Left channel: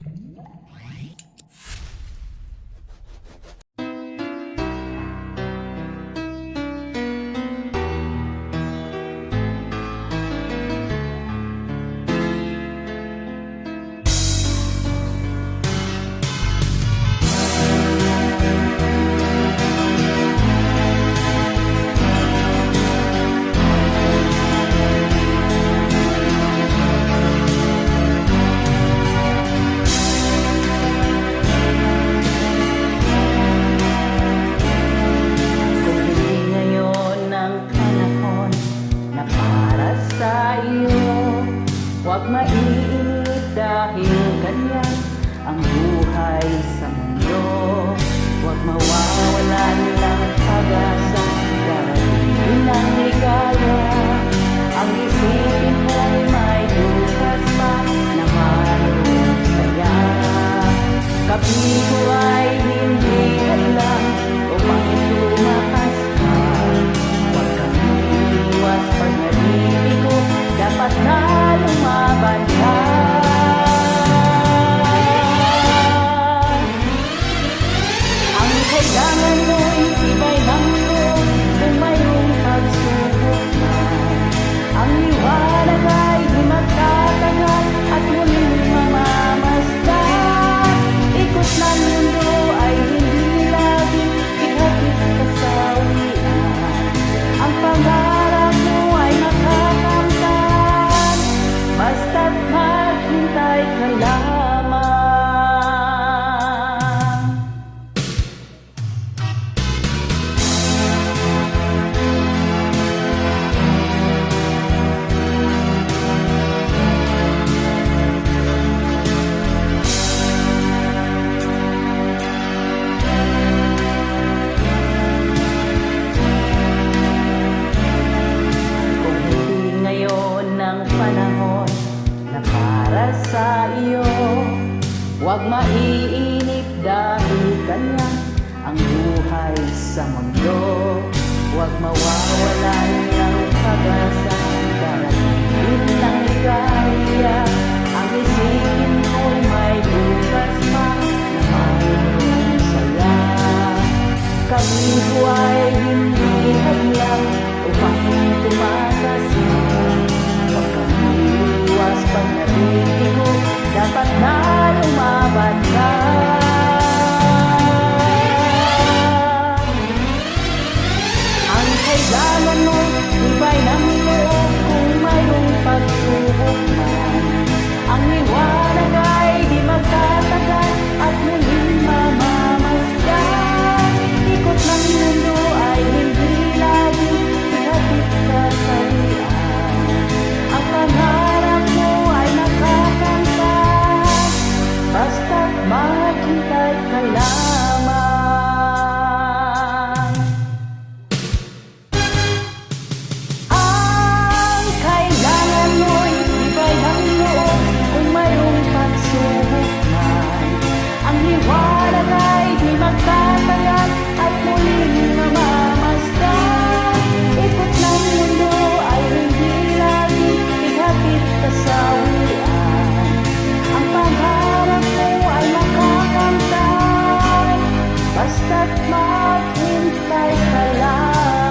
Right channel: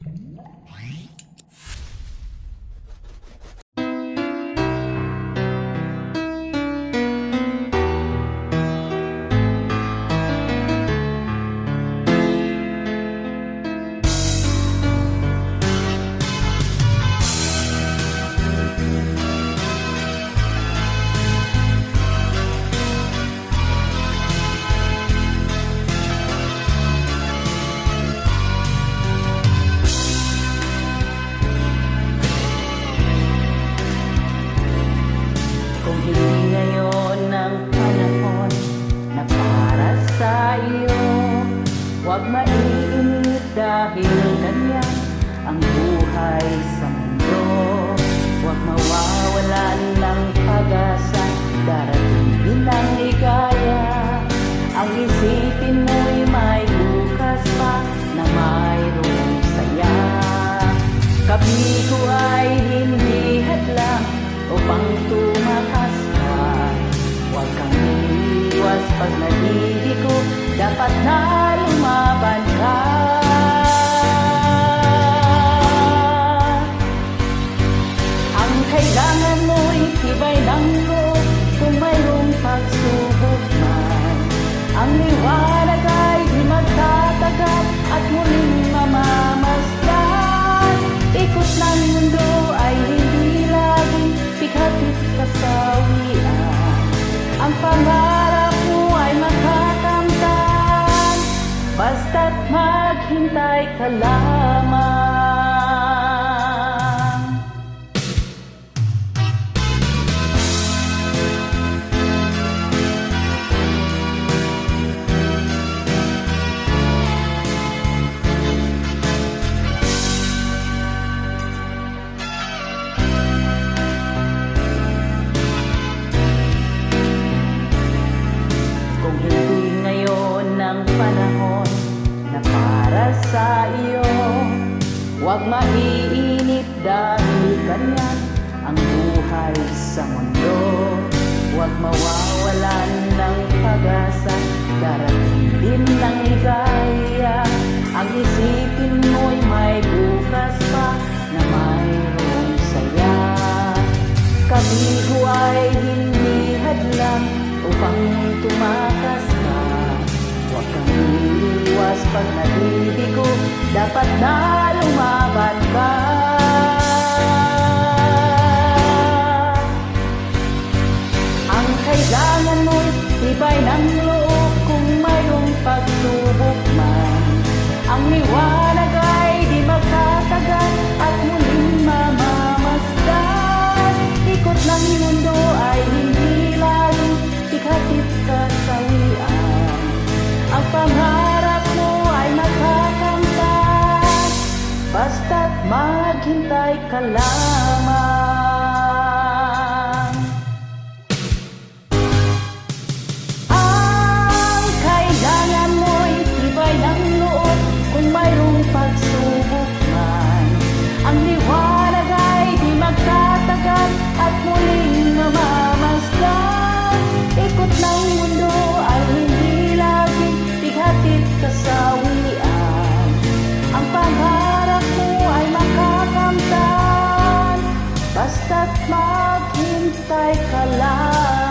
Kung hindi ngayon ang panahon na para sa iyo, huwag maiinip dahil ganyan ang buhay sa mundo. Huwag mawawalan ng pag-asa, darating din ang ligaya. Ang isipin mo'y may bukas pa na mayroong saya. Kabigo ay hindi hadlang upang tumakas ka. Huwag kang iiwas pag nabibigo, dapat na lumaban ka. Ang kailangan mo'y tibay ng loob kung mayroong pagsubok man. Ang liwanag ay di magtatagal at muling mamamasdan. Ikot ng mundo ay hindi laging bighatid kasawian. Ang pangarap mo ay makakamtan, basta't maghintay ka lamang. Ngayon ang panahon na para sa iyo, huwag maiinip dahil ganyan ang buhay sa mundo. Huwag mawawalan ng pag-asa, darating din ang ligaya. Ang isipin mo'y may bukas pa na mayroong saya. Kabigo ay hindi hadlang upang tumakas ka. Huwag kang iiwas pag nabibigo, dapat na lumaban ka. Ang kailangan mo'y tibay ng loob kung mayroong pagsubok man. Ang liwanag ay di magtatagal at muling mamamasdan. Ikot ng mundo ay hindi laging bighatid kasawian. Ang pangarap mo ay makakamtan, basta't maghintay ka lamang. Ang kailangan mo'y tibay ng loob kung mayroong pagsubok man. Ang liwanag ay di magtatagal at muling mamamasdan. Ikot ng mundo ay hindi laging bighatid kasawian. Ang pangarap mo ay makakamtan, basta't maghintay ka lang.